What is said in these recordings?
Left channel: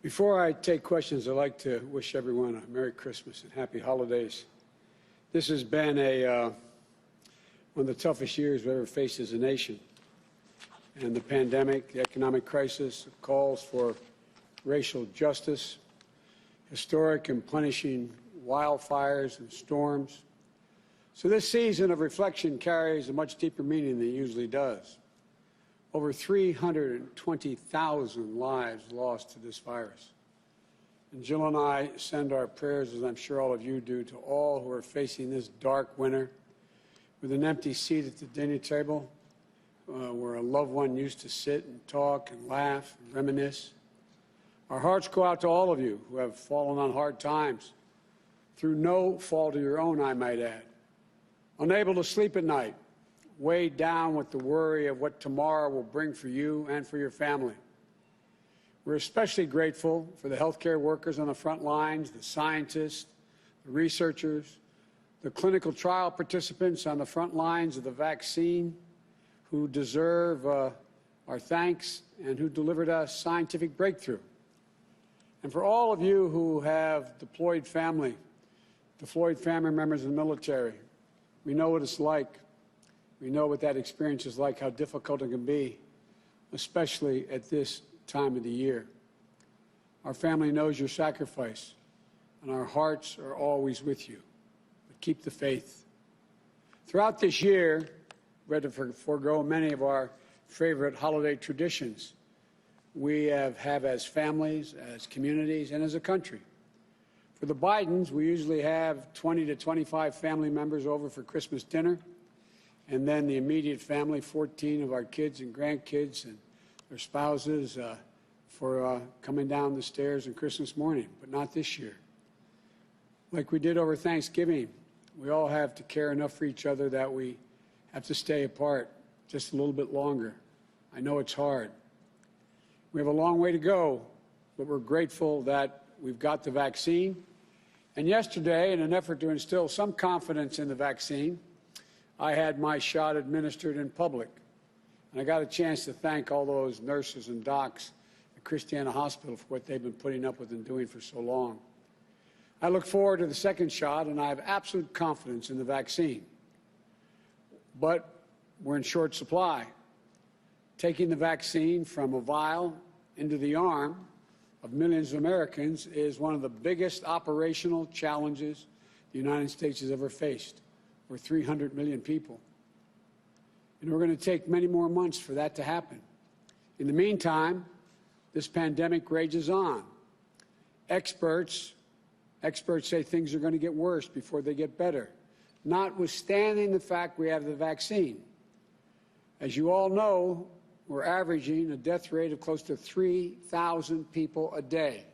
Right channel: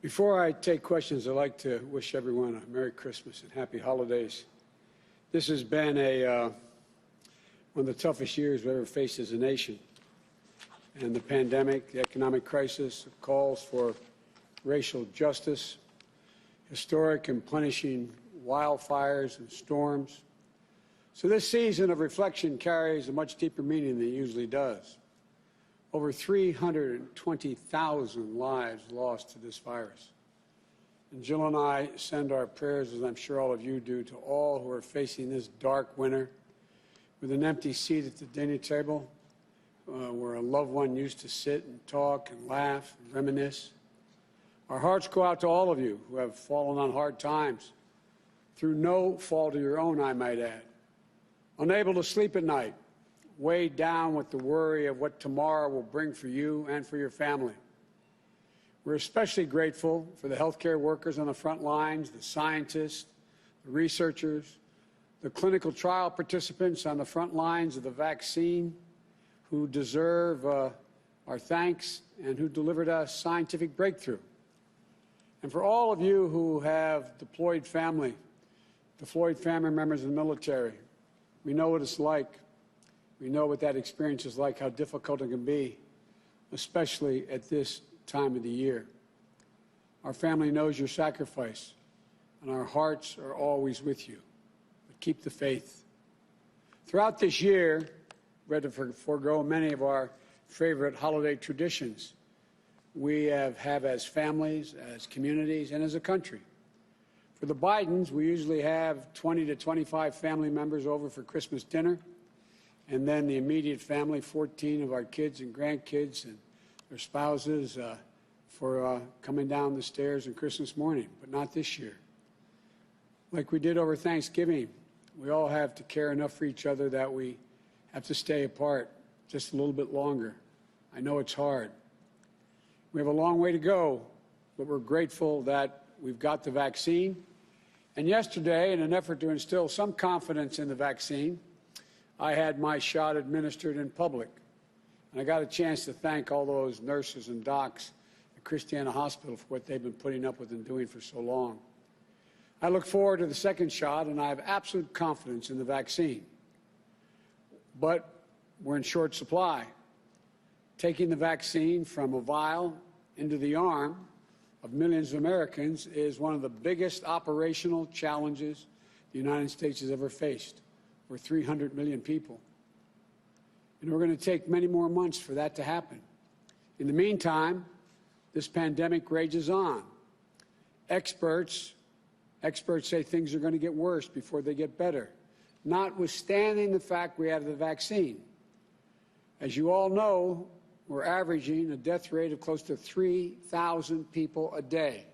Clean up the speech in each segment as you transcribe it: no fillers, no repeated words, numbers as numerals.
Before I take questions, I'd like to wish everyone a Merry Christmas and Happy Holidays. This has been one of the toughest years we ever faced as a nation. And the pandemic, the economic crisis, the calls for racial justice, historic and punishing wildfires and storms. So this season of reflection carries a much deeper meaning than it usually does. Over 320,000 lives lost to this virus. And Jill and I send our prayers, as I'm sure all of you do, to all who are facing this dark winter with an empty seat at the dinner table where a loved one used to sit and talk and laugh and reminisce. Our hearts go out to all of you who have fallen on hard times, through no fault of your own, I might add. Unable to sleep at night, weighed down with the worry of what tomorrow will bring for you and for your family. We're especially grateful for the healthcare workers on the front lines, the scientists, the researchers, the clinical trial participants on the front lines of the vaccine who deserve our thanks and who delivered us scientific breakthrough. And for all of you who have deployed family members in the military, we know what it's like. We know what that experience is like, how difficult it can be, especially at this time of the year. Our family knows your sacrifice, and our hearts are always with you. But keep the faith. Throughout this year, we had to forego many of our favorite holiday traditions we have as families, as communities, and as a country. For the Bidens, we usually have 20 to 25 family members over for Christmas dinner. And then the immediate family, 14 of our kids and grandkids and their spouses for coming down the stairs on Christmas morning, but not this year. Like we did over Thanksgiving, we all have to care enough for each other that we have to stay apart just a little bit longer. I know it's hard. We have a long way to go, but we're grateful that we've got the vaccine. And yesterday, in an effort to instill some confidence in the vaccine, I had my shot administered in public, and I got a chance to thank all those nurses and docs at Christiana Hospital for what they've been putting up with and doing for so long. I look forward to the second shot, and I have absolute confidence in the vaccine. But we're in short supply. Taking the vaccine from a vial into the arm of millions of Americans is one of the biggest operational challenges the United States has ever faced. We're 300 million people. And we're going to take many more months for that to happen. In the meantime, this pandemic rages on. Experts say things are going to get worse before they get better, notwithstanding the fact we have the vaccine. As you all know, we're averaging a death rate of close to 3,000 people a day.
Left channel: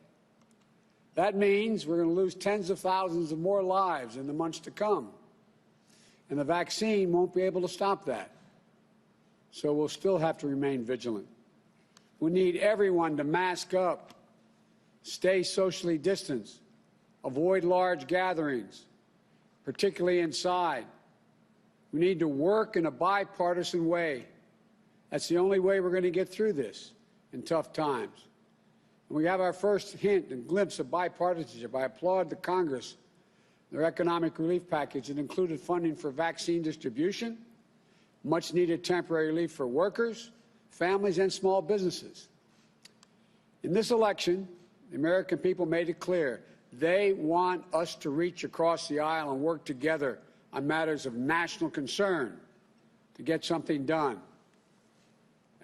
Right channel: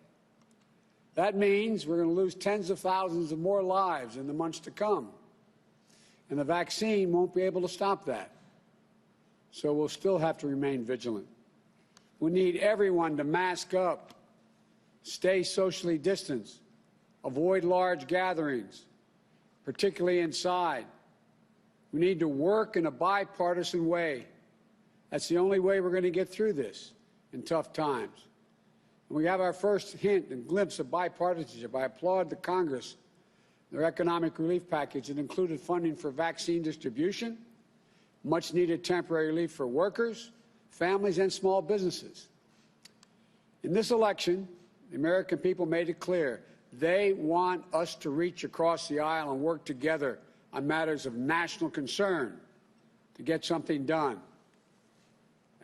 That means we're going to lose tens of thousands of more lives in the months to come. And the vaccine won't be able to stop that. So we'll still have to remain vigilant. We need everyone to mask up, stay socially distanced, avoid large gatherings, particularly inside. We need to work in a bipartisan way. That's the only way we're going to get through this in tough times. And we have our first hint and glimpse of bipartisanship. I applaud the Congress, their economic relief package that included funding for vaccine distribution, much-needed temporary relief for workers, families, and small businesses. In this election, the American people made it clear they want us to reach across the aisle and work together on matters of national concern to get something done.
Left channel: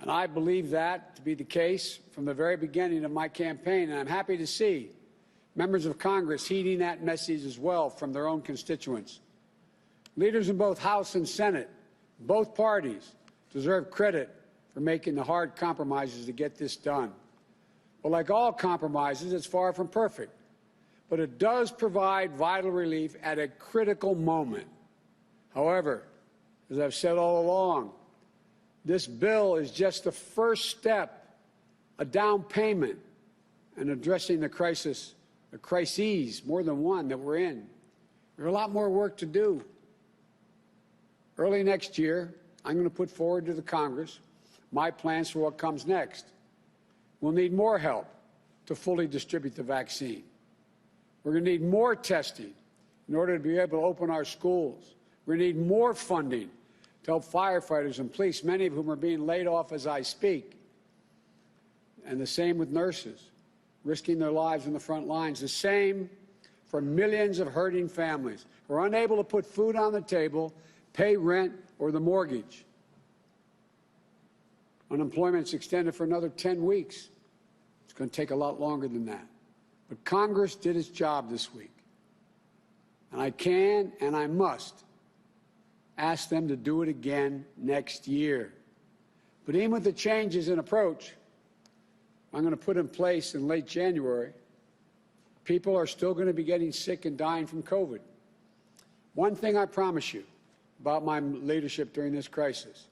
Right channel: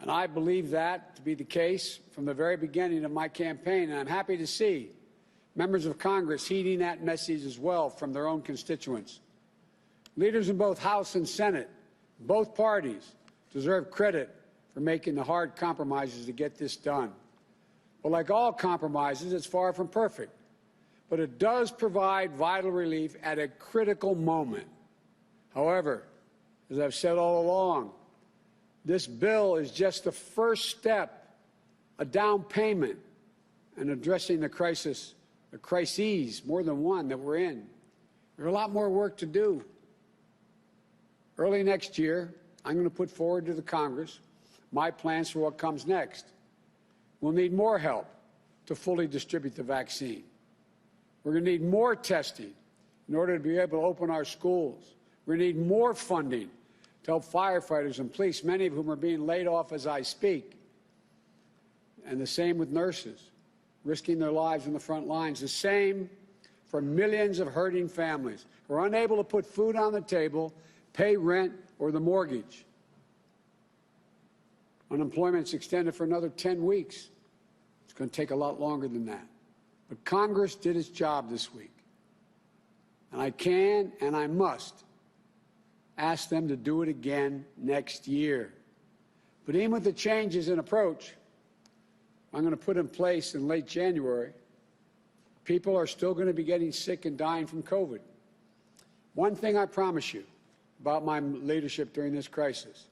And I believe that to be the case from the very beginning of my campaign, and I'm happy to see members of Congress heeding that message as well from their own constituents. Leaders in both House and Senate, both parties, deserve credit for making the hard compromises to get this done. But like all compromises, it's far from perfect. But it does provide vital relief at a critical moment. However, as I've said all along, this bill is just the first step, a down payment in addressing the crises, more than one, that we're in. There's a lot more work to do. Early next year, I'm going to put forward to the Congress my plans for what comes next. We'll need more help to fully distribute the vaccine. We're going to need more testing in order to be able to open our schools. We're going to need more funding to help firefighters and police, many of whom are being laid off as I speak. And the same with nurses, risking their lives in the front lines. The same for millions of hurting families who are unable to put food on the table, pay rent or the mortgage. Unemployment's extended for another 10 weeks. It's going to take a lot longer than that. But Congress did its job this week. And I can and I must ask them to do it again next year. But even with the changes in approach I'm going to put in place in late January, people are still going to be getting sick and dying from COVID. One thing I promise you about my leadership during this crisis,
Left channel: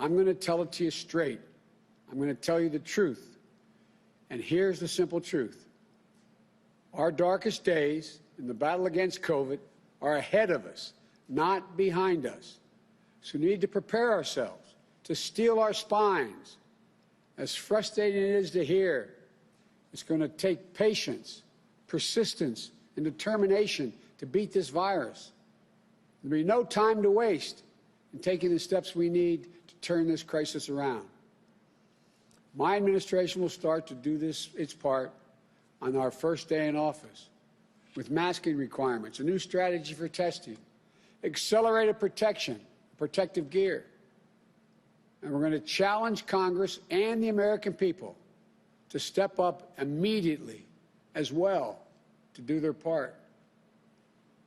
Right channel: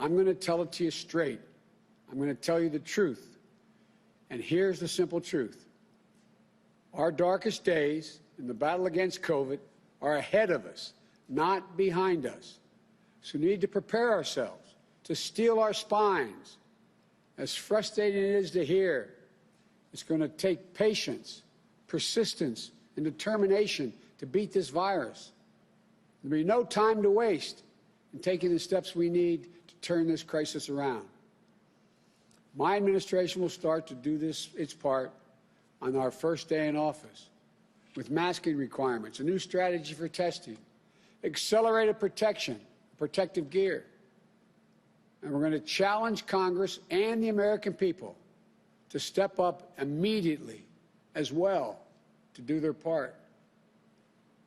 I'm going to tell it to you straight. I'm going to tell you the truth. And here's the simple truth. Our darkest days in the battle against COVID are ahead of us, not behind us. So we need to prepare ourselves to steel our spines. As frustrating it is to hear, it's going to take patience, persistence, and determination to beat this virus. There'll be no time to waste in taking the steps we need to turn this crisis around. My administration will start to do its part on our first day in office with masking requirements, a new strategy for testing, accelerated protection, protective gear. And we're going to challenge Congress and the American people to step up immediately as well to do their part.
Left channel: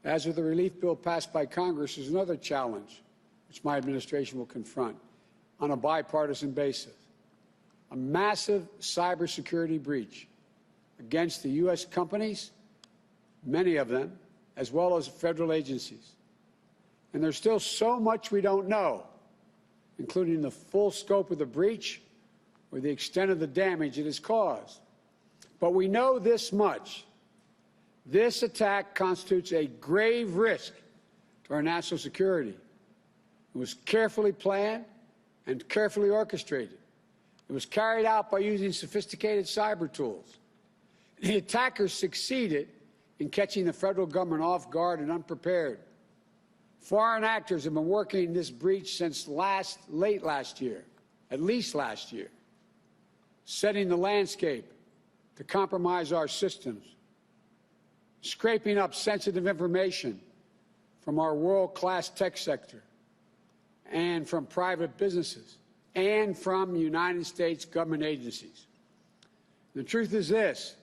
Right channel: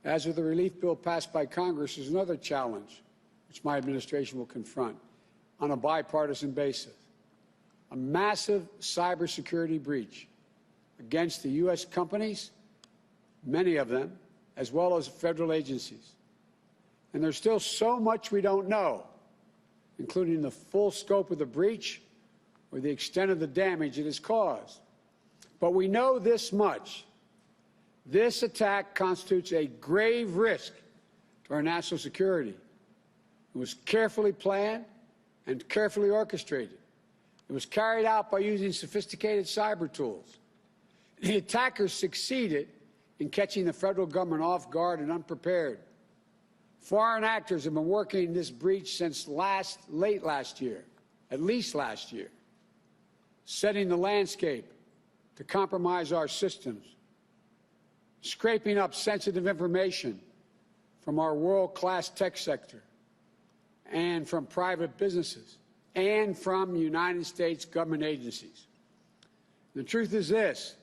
As with the relief bill passed by Congress, is another challenge which my administration will confront on a bipartisan basis. A massive cybersecurity breach against the U.S. companies, many of them, as well as federal agencies. And there's still so much we don't know, including the full scope of the breach or the extent of the damage it has caused. But we know this much. This attack constitutes a grave risk to our national security. It was carefully planned and carefully orchestrated. It was carried out by using sophisticated cyber tools. The attackers succeeded in catching the federal government off guard and unprepared. Foreign actors have been working this breach since late last year, at least last year, setting the landscape to compromise our systems, scraping up sensitive information from our world-class tech sector and from private businesses and from United States government agencies. The truth is this:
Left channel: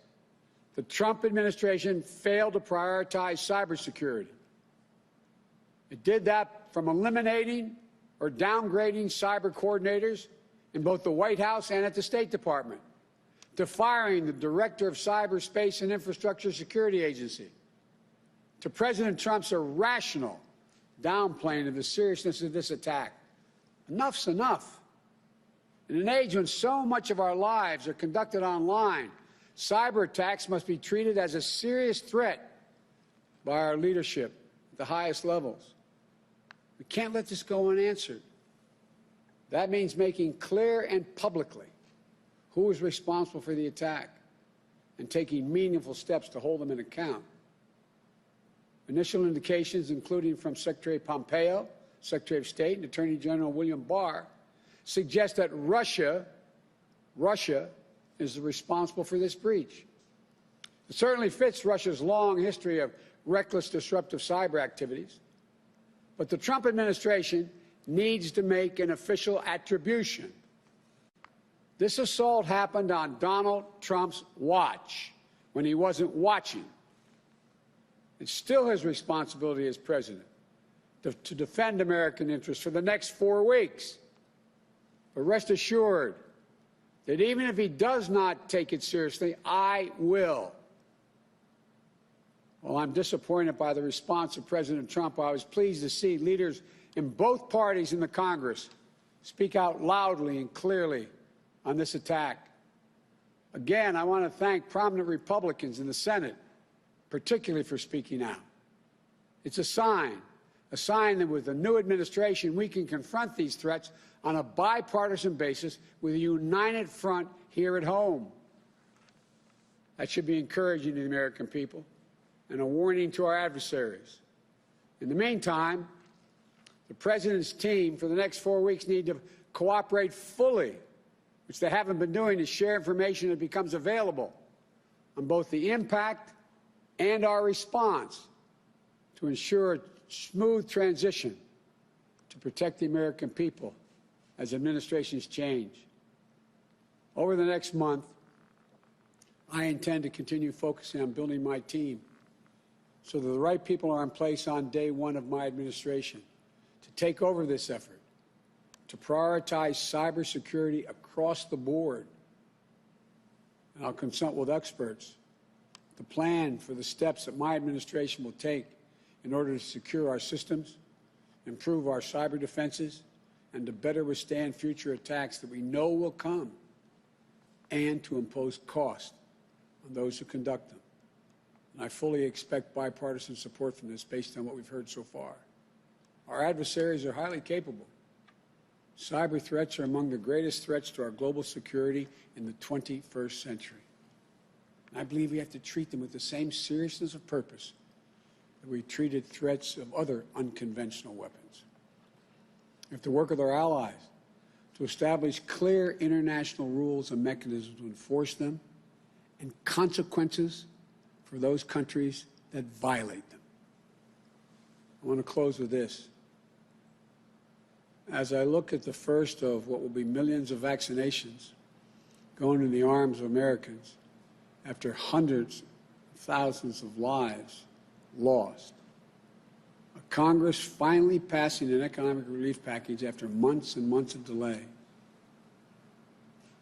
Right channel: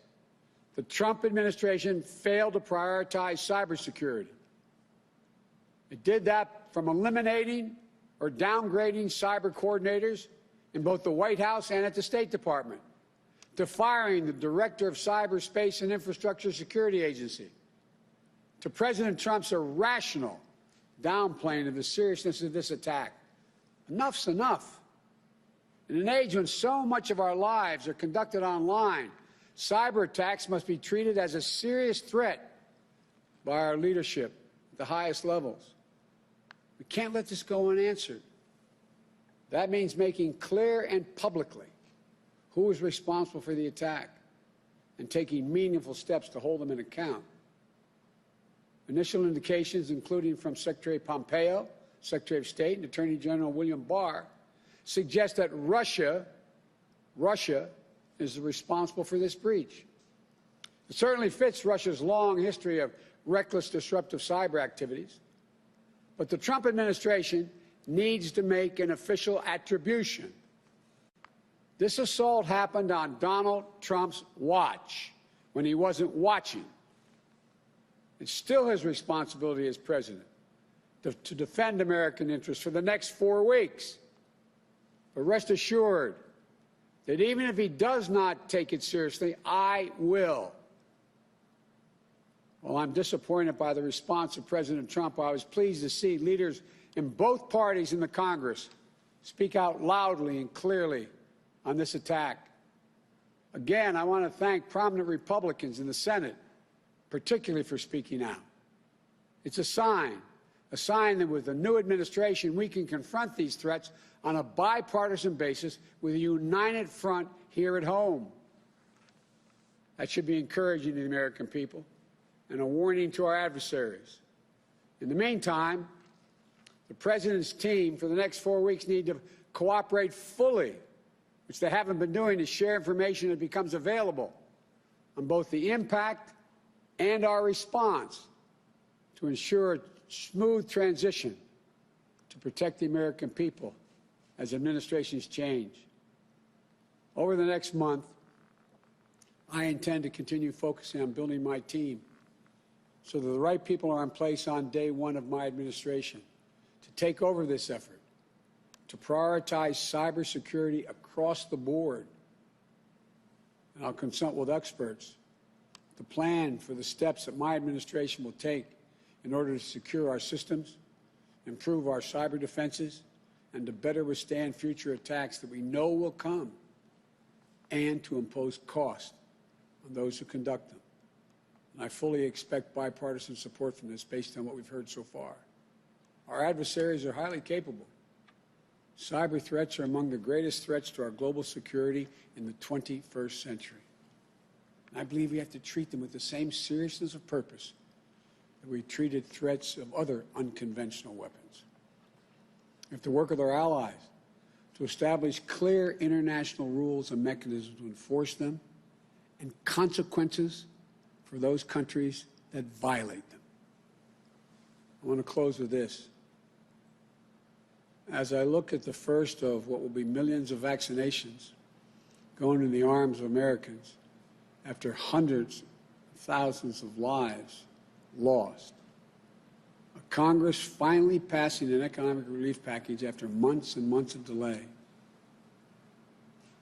the Trump administration failed to prioritize cybersecurity. It did that from eliminating or downgrading cyber coordinators in both the White House and at the State Department, to firing the director of Cyberspace and Infrastructure Security Agency, to President Trump's irrational downplaying of the seriousness of this attack. Enough's enough. In an age when so much of our lives are conducted online, cyber attacks must be treated as a serious threat by our leadership at the highest levels. We can't let this go unanswered. That means making clear and publicly who is responsible for the attack and taking meaningful steps to hold them in account. Initial indications, including from Secretary Pompeo, Secretary of State, and Attorney General William Barr, suggest that Russia is responsible for this breach. It certainly fits Russia's long history of reckless, disruptive cyber activities. But the Trump administration needs to make an official attribution. This assault happened on Donald Trump's watch, when he wasn't watching. It's still his responsibility as president to defend American interests for the next 4 weeks. But rest assured that even if he does not take it seriously, I will. While I'm disappointed by the response of President Trump, I was pleased to see leaders in both parties in the Congress speak out loudly and clearly on this attack. Again, I want to thank prominent Republicans in the Senate, particularly for speaking out. It's a sign that with the new administration, we can confront these threats on a bipartisan basis with a united front here at home. That should be encouraging to the American people and a warning to our adversaries. In the meantime, the President's team for the next 4 weeks need to cooperate fully, which they haven't been doing, to share information that becomes available on both the impact and our response to ensure a smooth transition to protect the American people as administrations change. Over the next month, I intend to continue focusing on building my team so that the right people are in place on day one of my administration to take over this effort, to prioritize cybersecurity across the board. And I'll consult with experts to plan for the steps that my administration will take in order to secure our systems, improve our cyber defenses, and to better withstand future attacks that we know will come, and to impose cost on those who conduct them. And I fully expect bipartisan support from this based on what we've heard so far. Our adversaries are highly capable. Cyber threats are among the greatest threats to our global security in the 21st century. And I believe we have to treat them with the same seriousness of purpose that we treated threats of other unconventional weapons. We have to work with our allies to establish clear international rules and mechanisms to enforce them, and consequences for those countries that violate them. I want to close with this. As I look at the first of what will be millions of vaccinations going in the arms of Americans after hundreds of thousands of lives lost, a Congress finally passing an economic relief package after months and months of delay,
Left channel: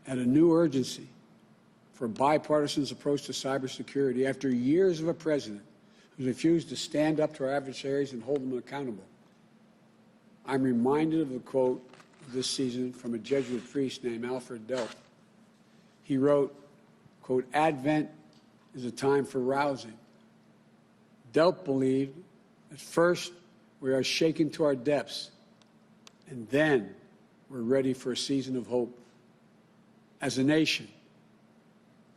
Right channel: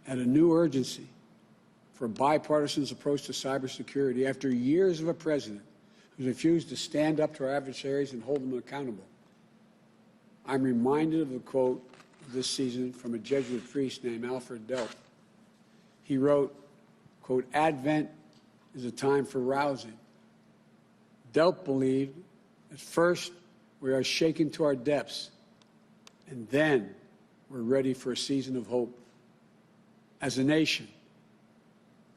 and a new urgency for a bipartisan approach to cybersecurity after years of a president who refused to stand up to our adversaries and hold them accountable. I'm reminded of a quote this season from a Jesuit priest named Alfred Delp. He wrote, quote, "Advent is a time for rousing." Delp believed at first we are shaken to our depths, and then we're ready for a season of hope. As a nation,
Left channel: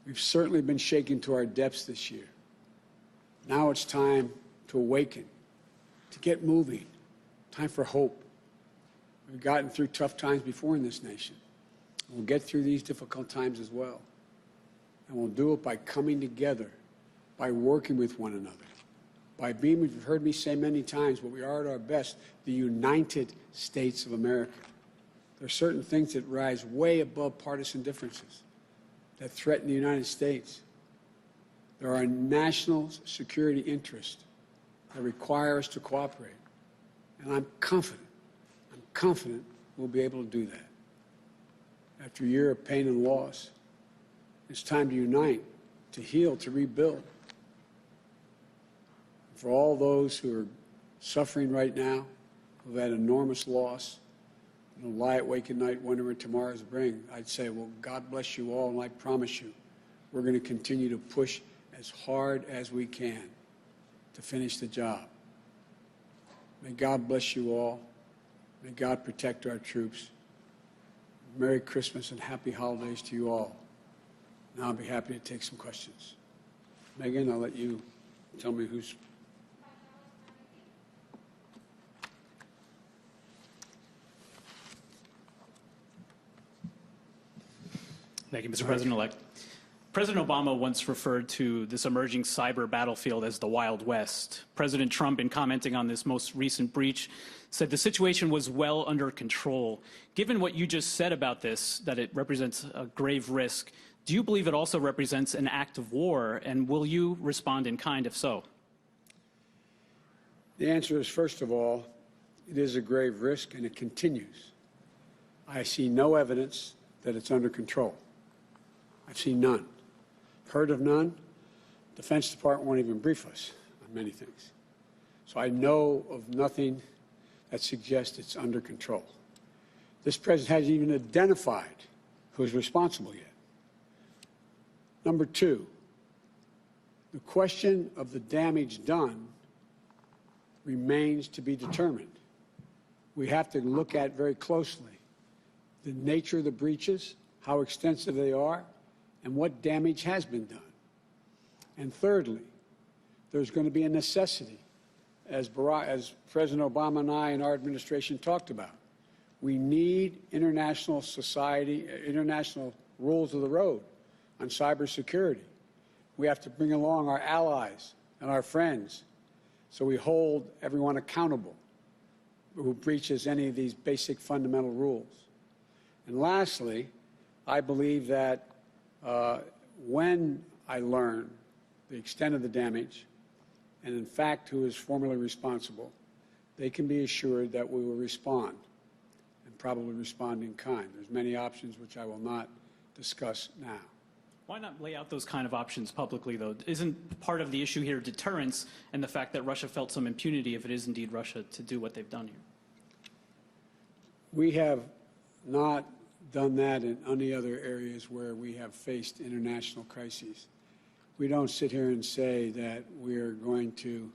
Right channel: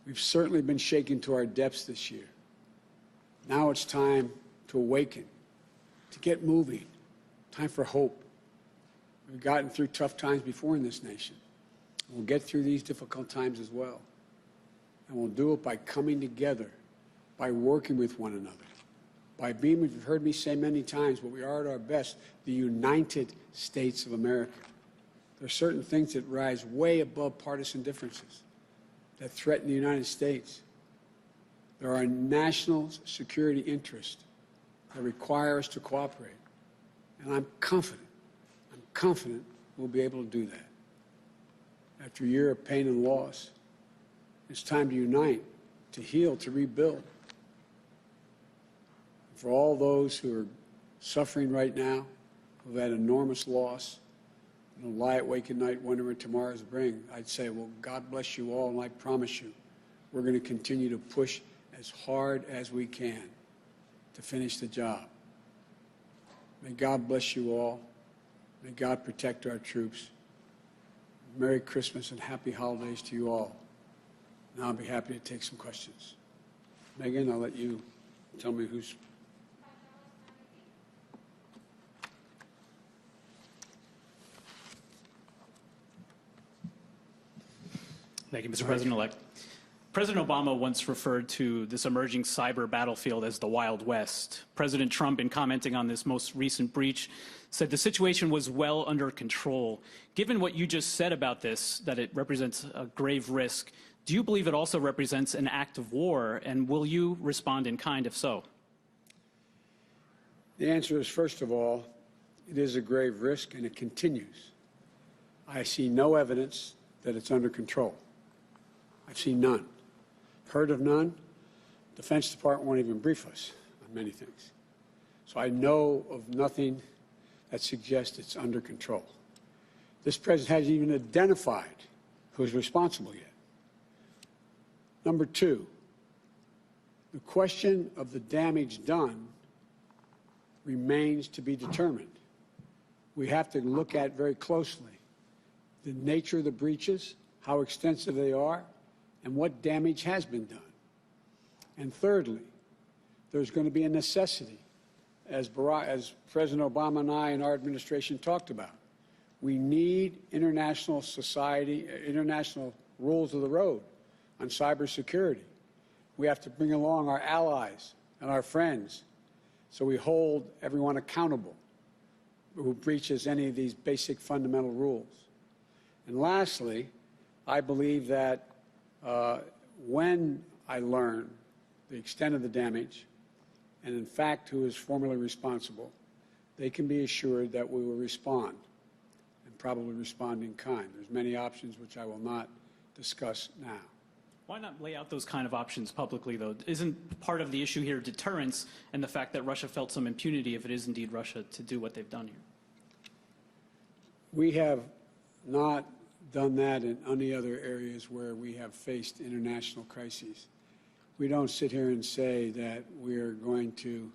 we've certainly been shaken to our depths this year. Now it's time to awaken, to get moving, time for hope. We've gotten through tough times before in this nation. We'll get through these difficult times as well. And we'll do it by coming together, by working with one another, by being, you've heard me say many times, but we are at our best, the United States of America. There are certain things that rise way above partisan differences that threaten the United States. There are national security interests that require us to cooperate. And I'm confident we'll be able to do that. After a year of pain and loss, it's time to unite, to heal, to rebuild. For all those who are suffering right now, who've had enormous loss, and lie awake at night wondering what tomorrow's bring, I'd say, well, God bless you all, and I promise you, we're going to continue to push as hard as we can to finish the job. May God bless you all. May God protect our troops. Merry Christmas and happy holidays to you all. Now I'll be happy to take some questions. Megan, I'll let you tell me who's... Thank you, Mr. President-elect. President Obama once referred to this emerging cyber battlefield as the Wild West. President Trump, in commenting on this most recent breach, said the situation was well under control. Given what you just said about this, that it represents a grave risk, do you believe it also represents an act of war, and will you respond in kind if so? The answer is, first of all, it is a grave risk, and it continues. I see no evidence that it's under control. I've seen none. Heard of none. Defense Department won't even brief us on many things. So I know of nothing that suggests it's under control. This president hasn't even identified who's responsible yet. Number two, the question of the damage done remains to be determined. We have to look at very closely the nature of the breaches, how extensive they are, and what damage has been done. And thirdly, there's going to be a necessity, as President Obama and I and our administration talked about. We need international rules of the road on cybersecurity. We have to bring along our allies and our friends so we hold everyone accountable who breaches any of these basic fundamental rules. And lastly, I believe that when I learn the extent of the damage and, in fact, who is formally responsible, they can be assured that we will respond, and probably respond in kind. There's many options which I will not discuss now. Why not lay out those kind of options publicly, though? Isn't part of the issue here deterrence and the fact that Russia felt some impunity, if it is indeed Russia, to do what they've done here? We have not done that in any other areas where we have faced international crises. We don't sit here and say that we're going to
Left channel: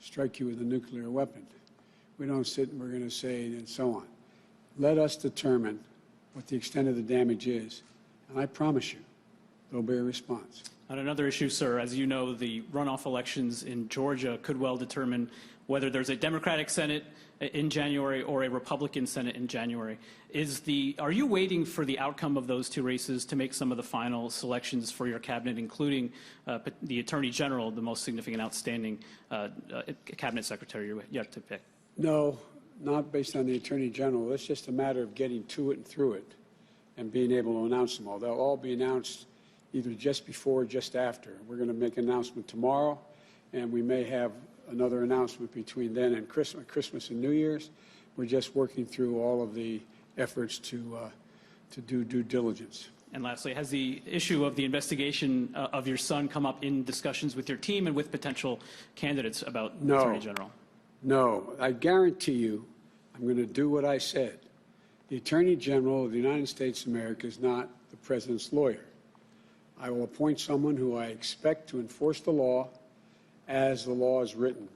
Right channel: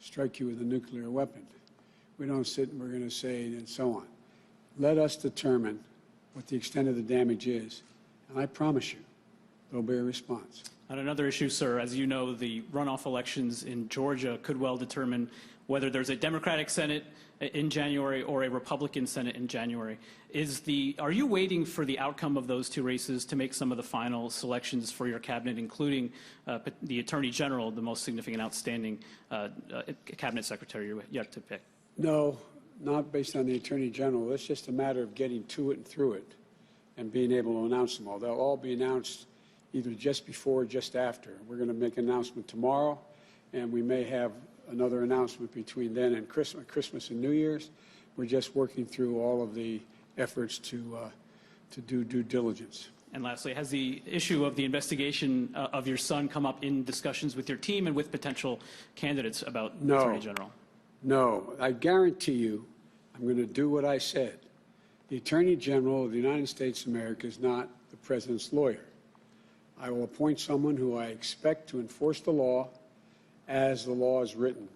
strike you with a nuclear weapon. We don't sit and we're going to say and so on. Let us determine what the extent of the damage is, and I promise you, there'll be a response. On another issue, sir, as you know, the runoff elections in Georgia could well determine whether there's a Democratic Senate in January or a Republican Senate in January. Are you waiting for the outcome of those two races to make some of the final selections for your cabinet, including the Attorney General, the most significant outstanding cabinet secretary you're yet to pick? No, not based on the Attorney General. It's just a matter of getting to it and through it and being able to announce them all. They'll all be announced either just before or just after. We're going to make an announcement tomorrow, and we may have another announcement between then and Christmas and New Year's. We're just working through all of the efforts to do due diligence. And lastly, has the issue of the investigation of your son come up in discussions with your team and with potential candidates about the Attorney General? No. I guarantee you I'm going to do what I said. The Attorney General of the United States of America is not the President's lawyer. I will appoint someone who I expect to enforce the law as the law is written,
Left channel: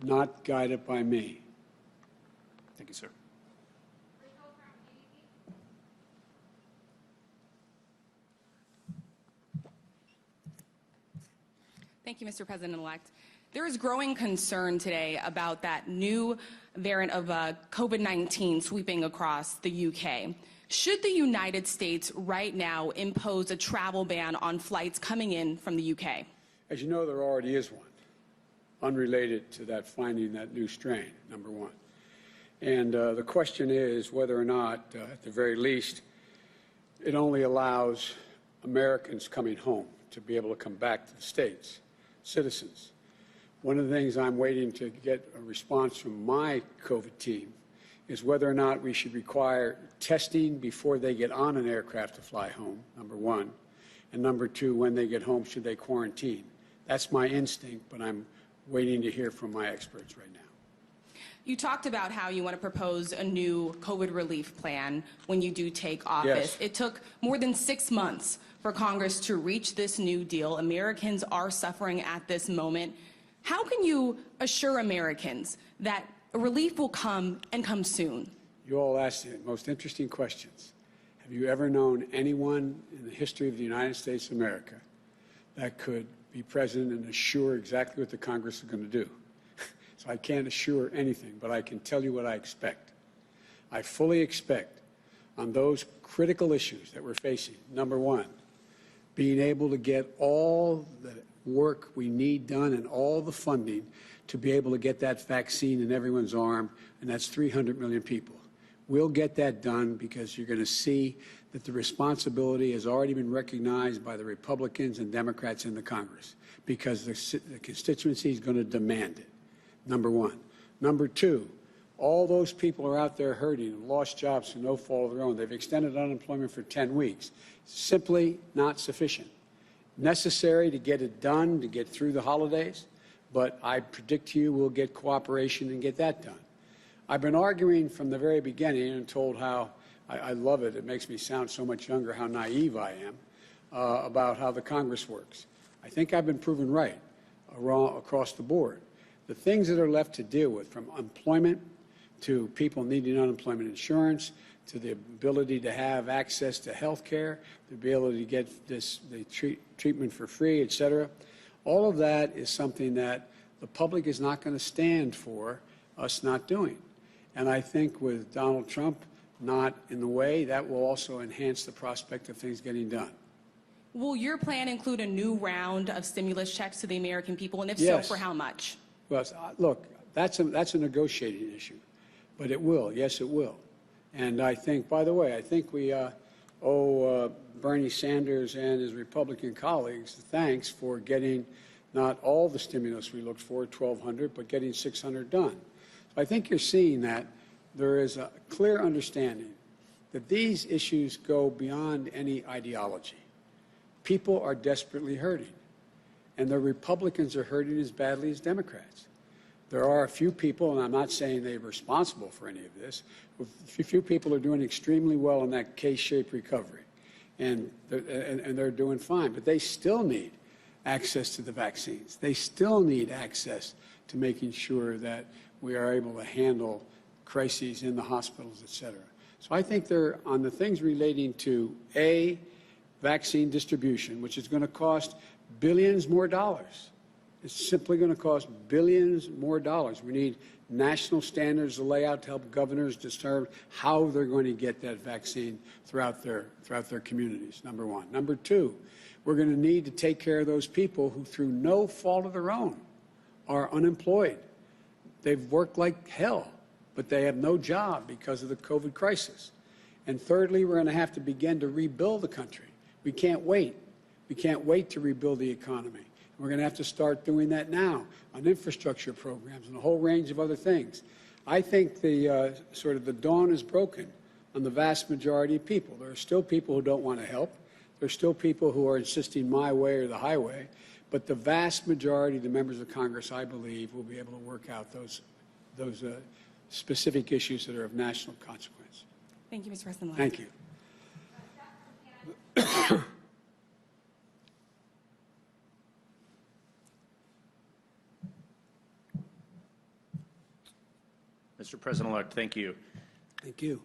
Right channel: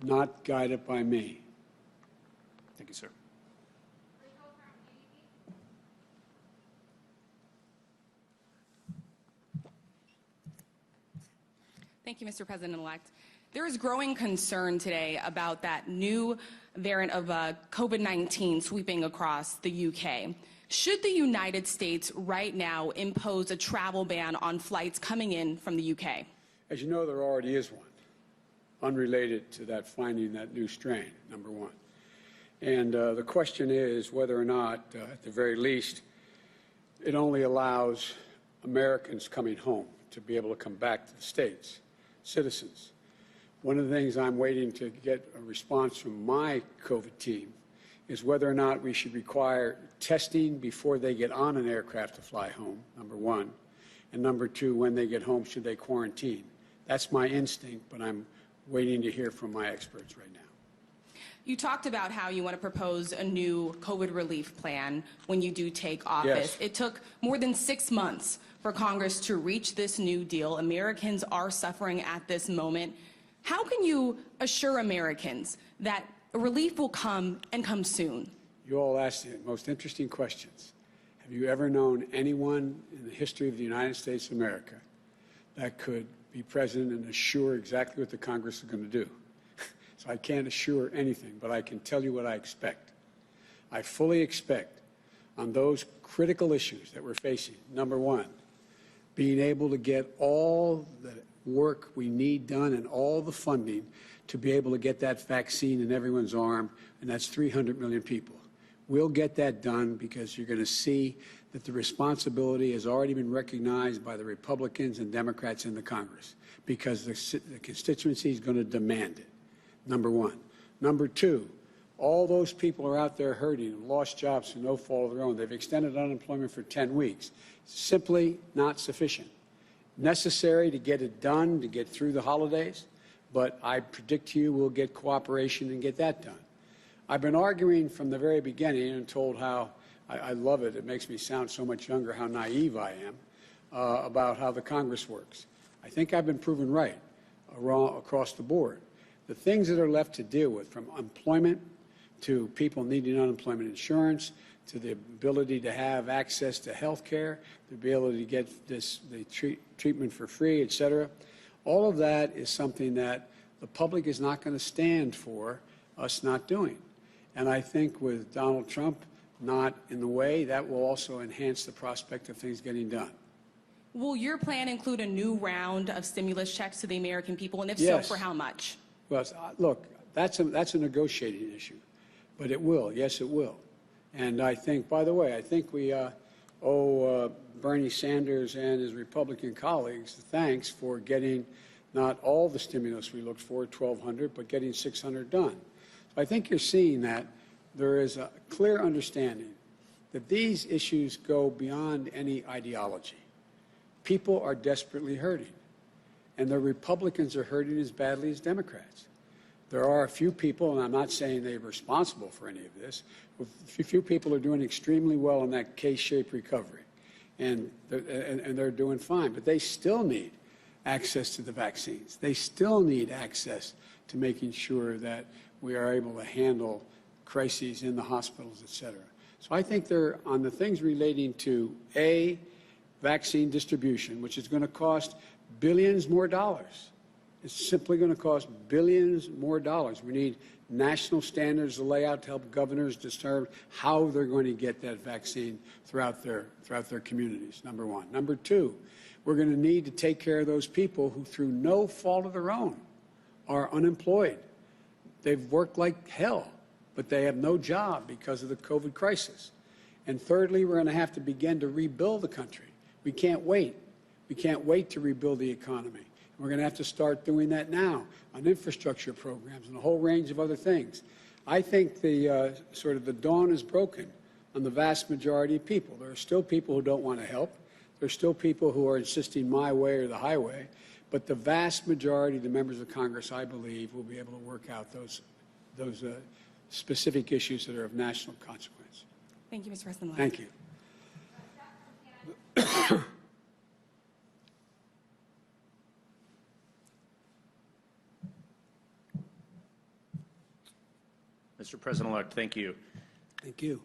not guided by me. Thank you, sir. Thank you, Mr. President-elect. There is growing concern today about that new variant of COVID-19 sweeping across the UK. Should the United States right now impose a travel ban on flights coming in from the UK? As you know, there already is one, unrelated to that finding that new strain, number one. And the question is whether or not, at the very least, it only allows Americans coming home to be able to come back to the States, citizens. One of the things I'm waiting to get a response from my COVID team is whether or not we should require testing before they get on an aircraft to fly home, number one. And number two, when they get home, should they quarantine? That's my instinct, but I'm waiting to hear from my experts right now. You talked about how you want to propose a new COVID relief plan when you do take office. Yes. It took more than 6 months for Congress to reach this new deal. Americans are suffering at this moment. How can you assure Americans that relief will come and come soon? You all asked the most interesting questions. Have you ever known anyone in the history of the United States of America that could be president and assure exactly what the Congress is going to do? So I can't assure anything, but I can tell you what I expect. I fully expect on those critical issues that we're facing, number one, being able to get all the work we need done and all the funding to be able to get that vaccine in everyone's arm, and that's 300 million people. We'll get that done because you're going to see that the responsibility has already been recognized by the Republicans and Democrats in the Congress because the constituency is going to demand it, number one. Number two, all those people are out there hurting, lost jobs through no fault of their own. They've extended unemployment for 10 weeks. Simply not sufficient. Necessary to get it done, to get through the holidays, but I predict to you we'll get cooperation and get that done. I've been arguing from the very beginning and told how I love it. It makes me sound so much younger how naive I am about how the Congress works. I think I've been proven right across the board. The things that are left to deal with, from employment to people needing unemployment insurance, to the ability to have access to health care, the ability to get the treatment for free, et cetera, All of that is something that the public is not going to stand for us not doing. And I think with Donald Trump not in the way, that will also enhance the prospect of things getting done. Will your plan include a new round of stimulus checks to the American people? And if Yes. so, for how much? Well, look, that's a negotiating issue, but it will. Yes, it will. And I think, by the way, I think we owe Bernie Sanders and his Republican colleagues thanks for getting not all the stimulus we looked for, 1,200, but getting 600 done. So I think you're seeing that there is a clear understanding that these issues go beyond any ideology. People are desperately hurting, and the Republicans are hurting as badly as Democrats. There are a few people, and I'm not saying they're responsible for any of this, but a few people are doing extremely well in that K-shaped recovery, and they're doing fine, but they still need access to the vaccines. They still need access to making sure that we are able to handle crises in the hospitals, et cetera. So I think they're on the things relating to vaccine distribution, which is going to cost billions more dollars. It's simply going to cost billions more dollars. We need national standards to lay out to help governors determine how they're going to get that vaccine throughout their communities, number one. Number two, we're going to need to take care of those people who, through no fault of their own, are unemployed. They've worked like hell, but they have no job because of the COVID crisis. And thirdly, we're going to have to begin to rebuild the country. We can't wait. We can't wait to rebuild the economy. We're going to have to start doing that now on infrastructure programs and a whole range of other things. I think the sort of the dawn is broken on the vast majority of people. There are still people who don't want to help. There are still people who are insisting my way or the highway. But the vast majority of the members of Congress, I believe, will be able to work out those specific issues that are of national consequence. Thank you, Mr. President. Thank you. Mr. President-elect, thank you. Thank you.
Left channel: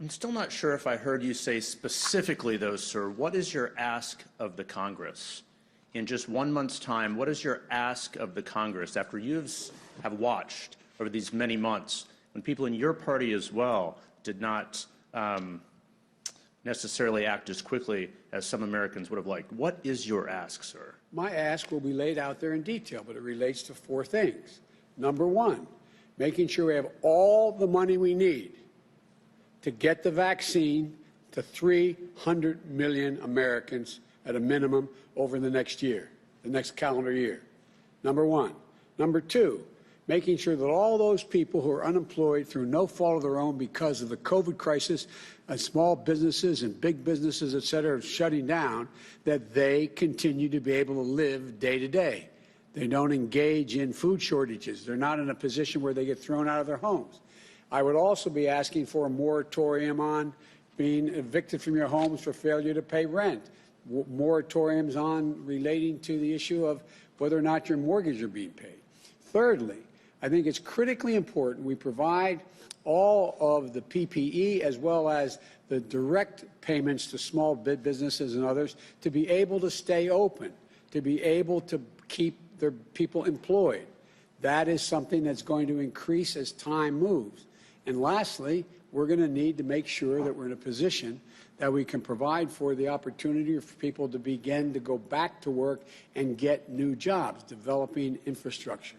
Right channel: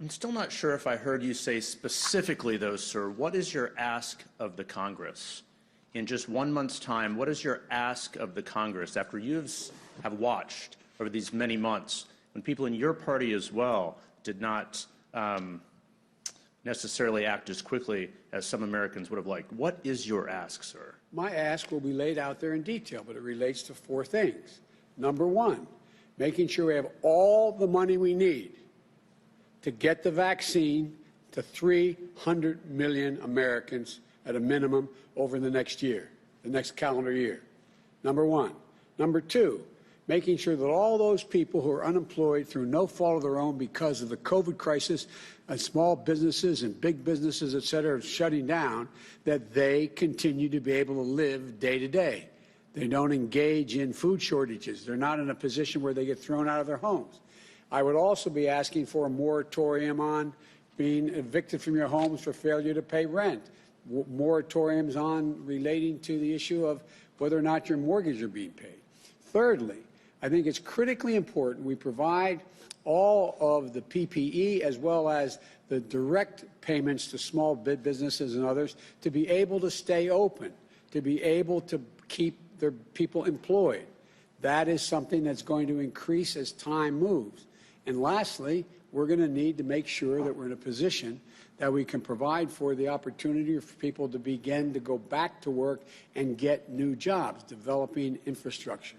I'm still not sure if I heard you say specifically, though, sir, what is your ask of the Congress? In just 1 month's time, what is your ask of the Congress after you have watched over these many months when people in your party as well did not necessarily act as quickly as some Americans would have liked? What is your ask, sir? My ask will be laid out there in detail, but it relates to four things. Number one, making sure we have all the money we need to get the vaccine to 300 million Americans at a minimum over the next year, the next calendar year. Number one. Number two, making sure that all those people who are unemployed through no fault of their own because of the COVID crisis and small businesses and big businesses, et cetera, are shutting down, that they continue to be able to live day to day. They don't engage in food shortages. They're not in a position where they get thrown out of their homes. I would also be asking for a moratorium on being evicted from your homes for failure to pay rent, moratoriums on relating to the issue of whether or not your mortgage are being paid. Thirdly, I think it's critically important we provide all of the PPE as well as the direct payments to small businesses and others to be able to stay open, to be able to keep their people employed. That is something that's going to increase as time moves. And lastly, we're going to need to make sure that we're in a position that we can provide for the opportunity for people to begin to go back to work and get new jobs, developing infrastructure.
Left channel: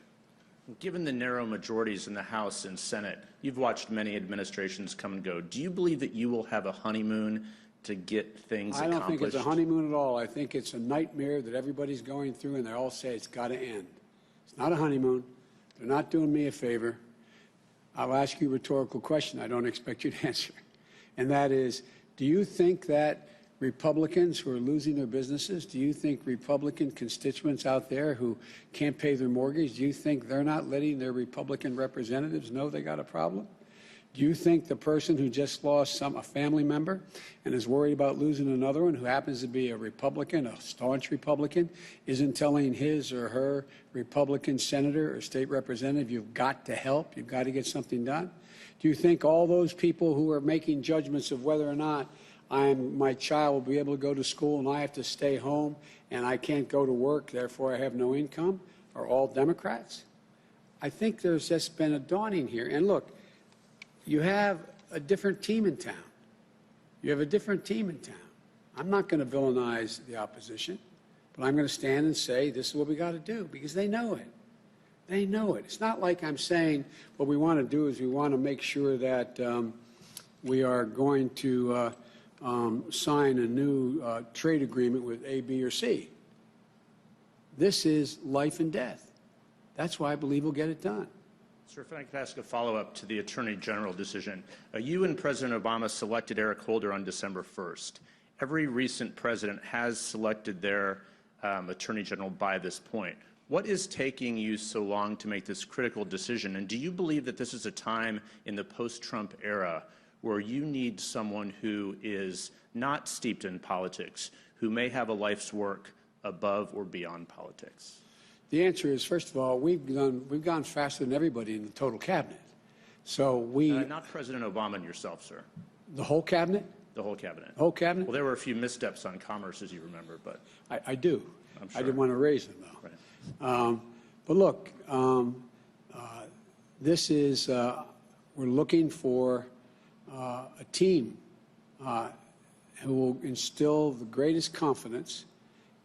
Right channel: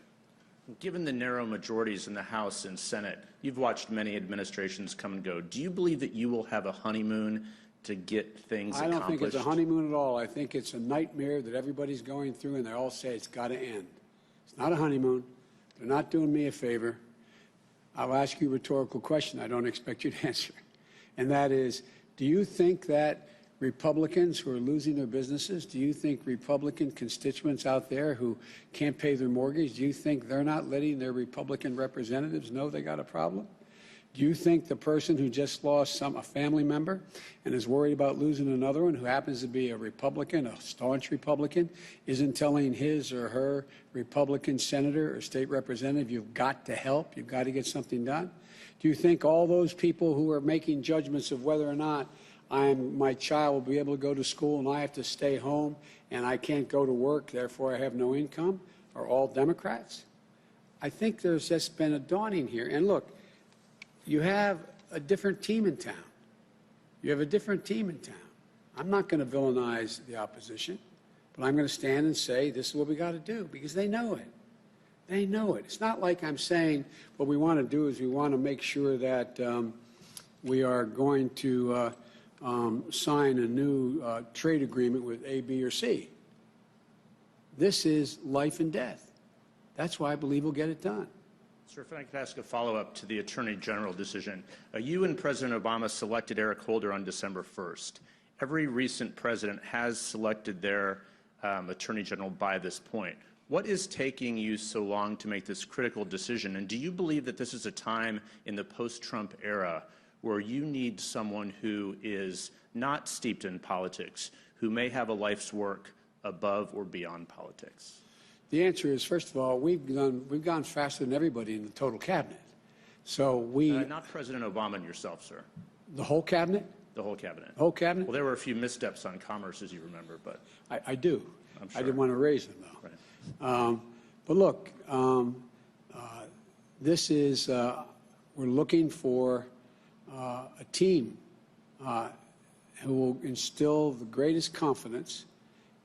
Given the narrow majorities in the House and Senate, you've watched many administrations come and go. Do you believe that you will have a honeymoon to get things accomplished? I don't think it's a honeymoon at all. I think it's a nightmare that everybody's going through, and they all say it's got to end. It's not a honeymoon. They're not doing me a favor. I'll ask you a rhetorical question I don't expect you to answer, and that is, do you think that Republicans who are losing their businesses, do you think Republican constituents out there who can't pay their mortgage, do you think they're not letting their Republican representatives know they got a problem? Do you think the person who just lost a family member and is worried about losing another one who happens to be a Republican, a staunch Republican, isn't telling his or her Republican senator or state representative, you've got to help, you've got to get something done? Do you think all those people who are making judgments of whether or not my child will be able to go to school and I have to stay home and I can't go to work, therefore I have no income, are all Democrats? I think there's just been a dawning here. And look, you have a different team in town. You have a different team in town. I'm not going to villainize the opposition, but I'm going to stand and say this is what we got to do because they know it. They know it. It's not like I'm saying what we want to do is we want to make sure that we are going to sign a new trade agreement with A, B, or C. This is life and death. That's why I believe we'll get it done. Sir, if I could ask a follow-up to the Attorney General decision. You and President Obama selected Eric Holder on December 1st. Every recent president has selected their Attorney General by this point. What is taking you so long to make this critical decision? And do you believe that this is a time in the post-Trump era where you need someone who is not steeped in politics, who may have a life's work above or beyond politics? The answer is, first of all, we've gone faster than everybody in the total cabinet. So not President Obama and yourself, sir. The whole cabinet? The whole cabinet. The whole cabinet? Well, there were a few missteps on commerce, as you remember, but I do. I'm sure. I didn't want to raise them, though. Right. But look, this is, we're looking for a team who will instill the greatest confidence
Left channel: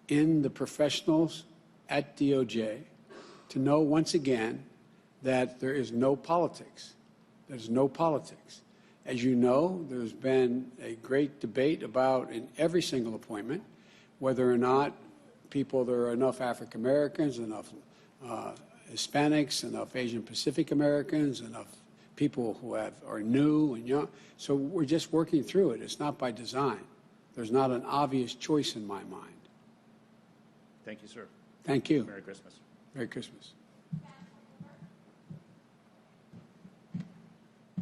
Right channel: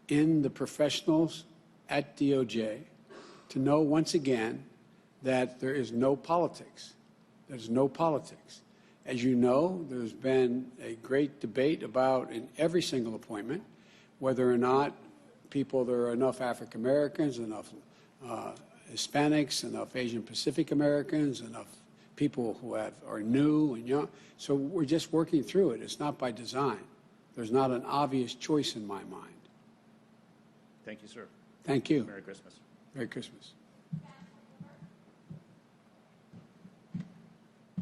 in the professionals at DOJ to know once again that there is no politics. There's no politics. As you know, there's been a great debate about in every single appointment whether or not there are enough African Americans, enough Hispanics, enough Asian Pacific Americans, enough people who are new and young. So we're just working through it. It's not by design. There's not an obvious choice in my mind. Thank you, sir. Thank you. Merry Christmas. Merry Christmas.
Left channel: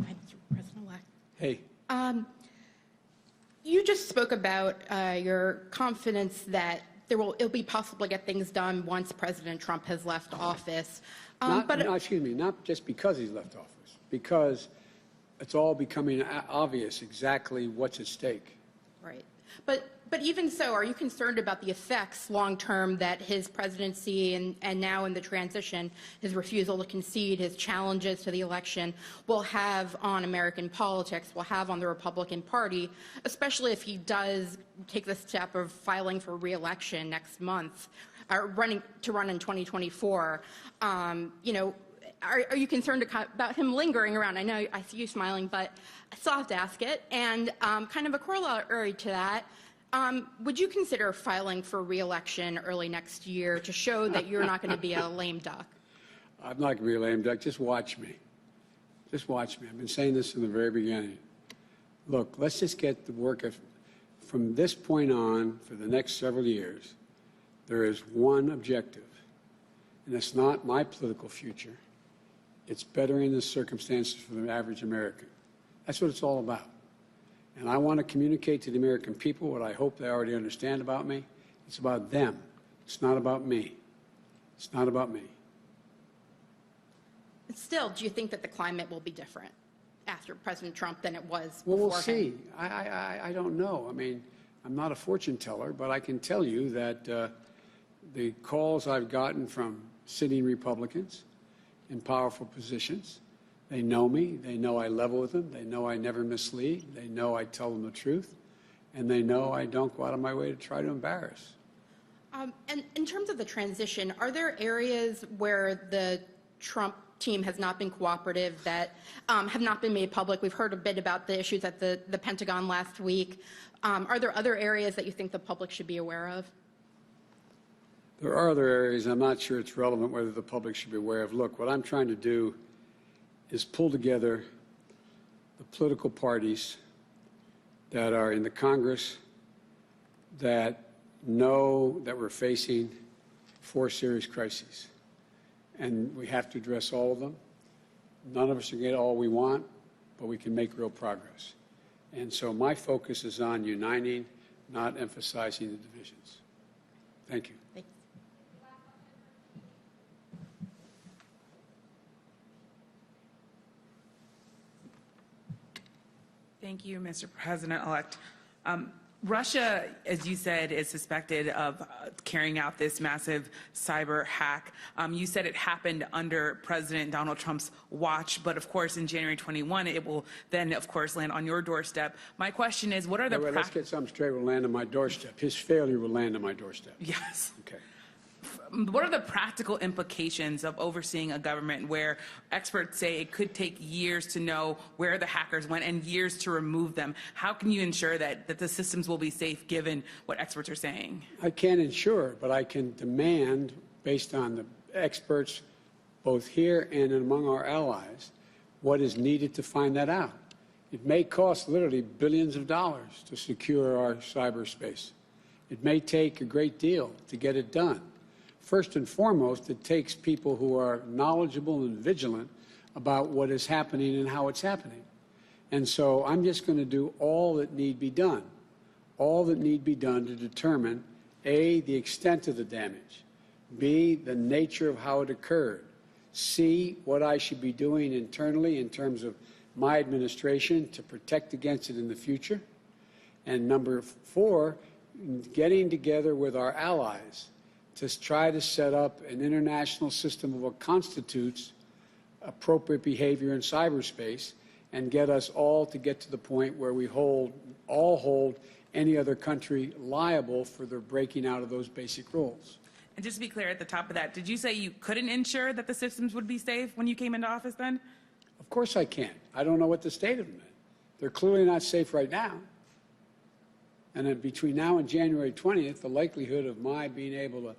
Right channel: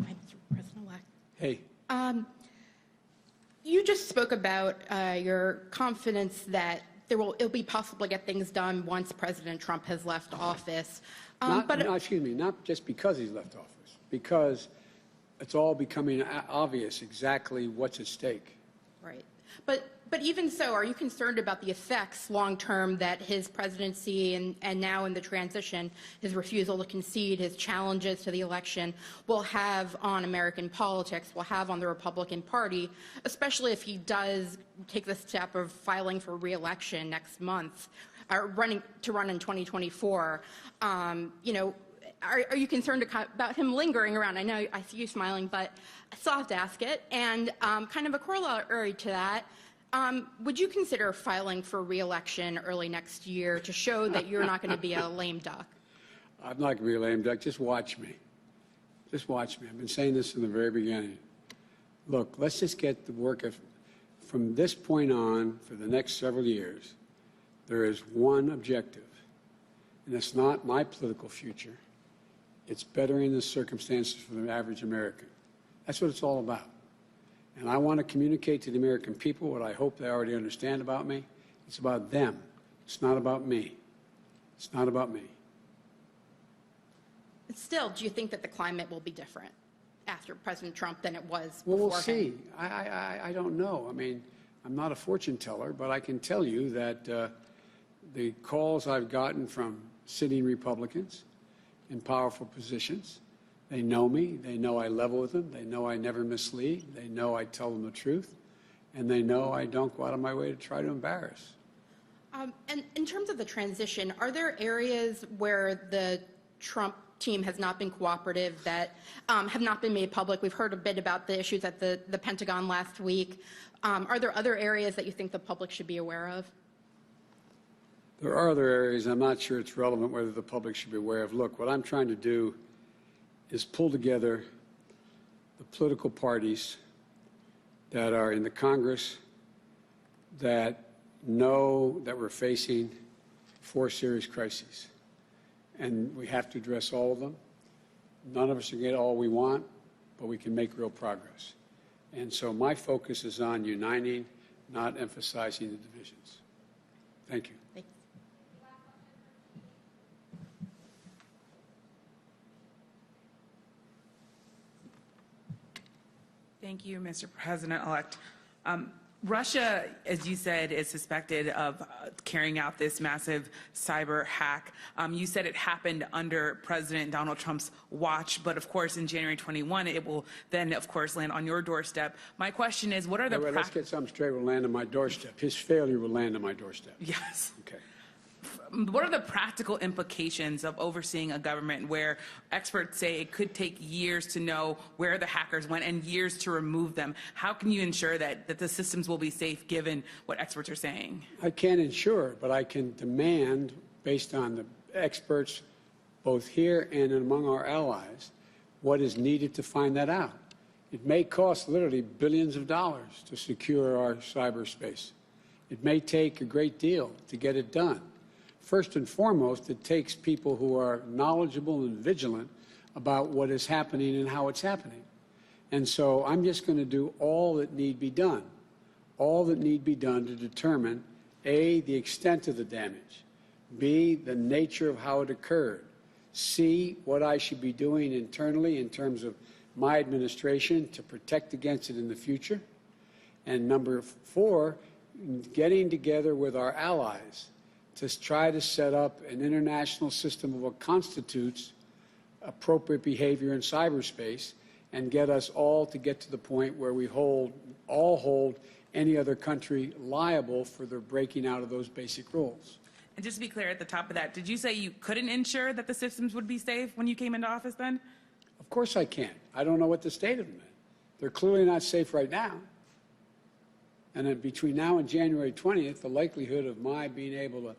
Hi, Mr. President-elect. Hey. You just spoke about your confidence that it'll be possible to get things done once President Trump has left office. Excuse me, not just because he's left office, because it's all becoming obvious exactly what's at stake. Right. But even so, are you concerned about the effects long-term that his presidency and now in the transition, his refusal to concede, his challenges to the election will have on American politics, will have on the Republican Party, especially if he does take the step of filing for re-election next month, or run in 2024? Are you concerned about him lingering around? I know I see you smiling, but I still have to ask it. And kind of a corollary to that, would you consider filing for re-election early next year to show that you're not going to be a lame duck? I'm not going to be a lame duck. Just watch me. Just watch me. I've been saying this from the very beginning. Look, let's just get the work from this point on for the next several years. There is one objective, and it's not my political future. It's bettering the circumstances for the average American. That's what it's all about. And I want to communicate to the American people what I hope they already understand about me. It's about them. It's not about me. It's not about me. Still, do you think that the climate will be different after President Trump than it was Well, before we'll see. I don't know. I mean, I'm not a fortune teller, but I can tell you that the calls I've gotten from sitting Republicans in powerful positions, they know me. They know I level with them. They know I never mislead. They know I tell them the truth. And they know I don't go out of my way to try to embarrass. And in terms of the transition, are there areas where the Trump team has not been cooperative that have not been made public? We've heard a bit about the issues at the Pentagon last week. Are there other areas that you think the public should be aware of? There are other areas. I'm not sure it's relevant whether the public should be aware of. Look, what I'm trying to do is pull together the political parties that are in the Congress that know that we're facing 4 serious crises. And we have to address all of them. None of us will get all we want, but we can make real progress. And so my focus is on uniting, not emphasizing the divisions. Thank you. Thanks. Thank you, Mr. President-elect. Russia, as you said, is suspected of carrying out this massive cyber hack. You said it happened under President Donald Trump's watch, but of course in January 21, it will then, of course, land on your doorstep. My question is, what are the... Let's get something straight. Will land on my doorstep. His failure will land on my doorstep. Yes. Okay. What are the practical implications of overseeing a government where experts say it could take years to know where the hackers went and years to remove them? How can you ensure that the systems will be safe given what experts are saying? I can't ensure, but I can demand, based on the experts both here and among our allies, what is needed to find that out. It may cost literally billions of dollars to secure our cyberspace. It may take a great deal to get it done. First and foremost, it takes people who are knowledgeable and vigilant about what is happening and how it's happening. And so I'm just going to do all that need be done, to determine, A, the extent of the damage, B, the nature of how it occurred, C, what I should be doing internally in terms of my administration to protect against it in the future, and number 4, getting together with our allies to try to set up an international system of what constitutes appropriate behavior in cyberspace and get us all to get to the point where we all hold any other country liable for their breaking out of those basic rules. And just to be clear at the top of that, did you say you couldn't ensure that the systems would be safe when you came into office then? Of course I can. I don't know what the state of them is. They're clearly not safe right now. And then between now and January 20th, the likelihood of my being able to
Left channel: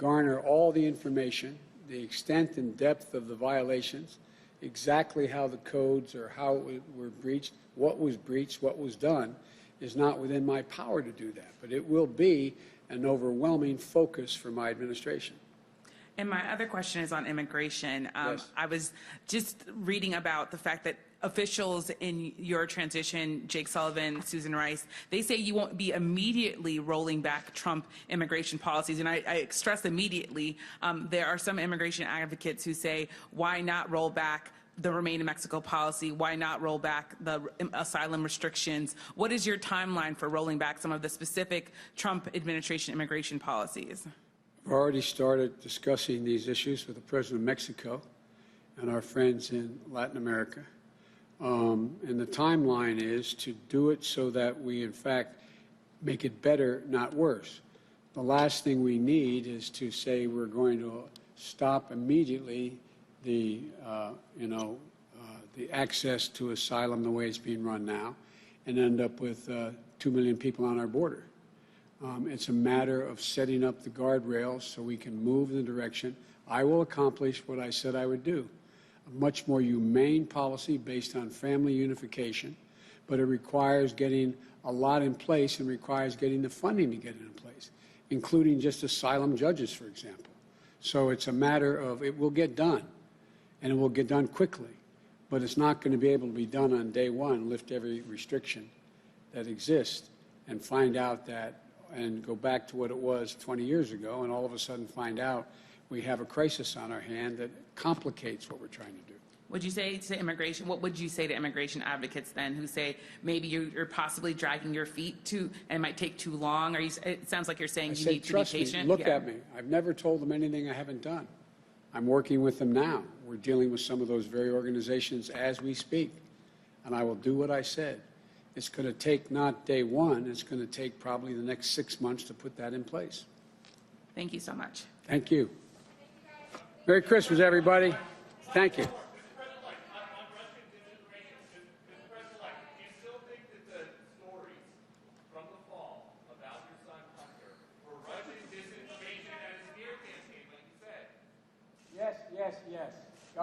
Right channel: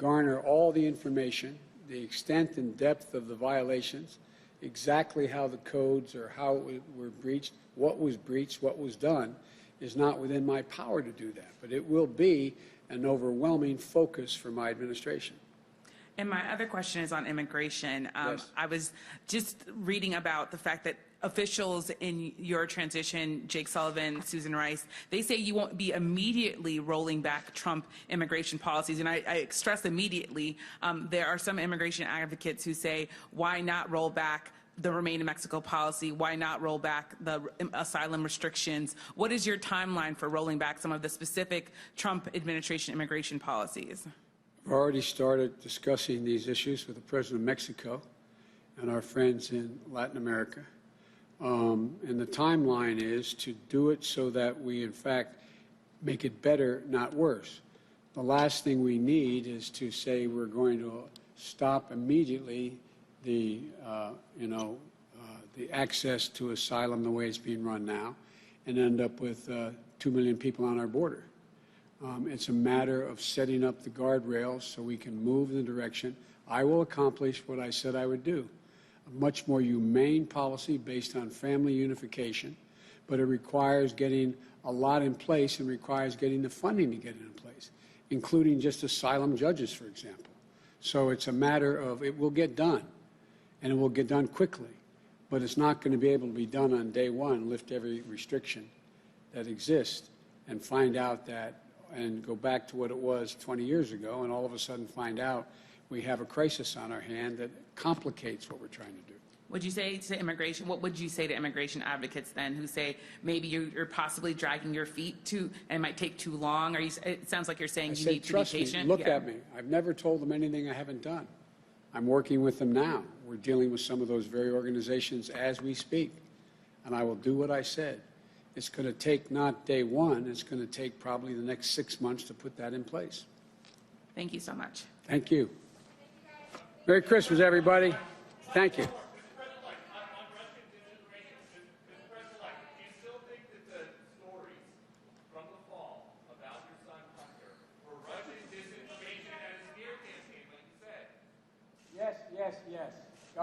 garner all the information, the extent and depth of the violations, exactly how the codes or how it were breached, what was done, is not within my power to do that. But it will be an overwhelming focus for my administration. And my other question is on immigration. Yes. I was just reading about the fact that officials in your transition, Jake Sullivan, Susan Rice, they say you won't be immediately rolling back Trump immigration policies. And I stress immediately. There are some immigration advocates who say, why not roll back the Remain in Mexico policy? Why not roll back the asylum restrictions? What is your timeline for rolling back some of the specific Trump administration immigration policies? We've already started discussing these issues with the President of Mexico and our friends in Latin America. And the timeline is to do it so that we, in fact, make it better, not worse. The last thing we need is to say we're going to stop immediately the access to asylum the way it's being run now and end up with 2 million people on our border. It's a matter of setting up the guardrails so we can move in the direction. I will accomplish what I said I would do. A much more humane policy based on family unification, but it requires getting a lot in place and requires getting the funding to get it in place, including just asylum judges, for example. So it's a matter of it will get done, and it will get done quickly, but it's not going to be able to be done on day one, lift every restriction that exists and find out that and go back to what it was 20 years ago and all of a sudden find out we have a crisis on our hand that complicates what we're trying to do. Would you say to immigration, what would you say to immigration advocates then who say maybe you're possibly dragging your feet too and might take too long? It sounds like you're saying you need to be patient. Look at me. I've never told them anything I haven't done. I'm working with them now. We're dealing with some of those very organizations as we speak, and I will do what I said. It's going to take not day one, it's going to take probably the next 6 months to put that in place. Thank you so much. Thank you. Merry Christmas, everybody. Thank you. Yes.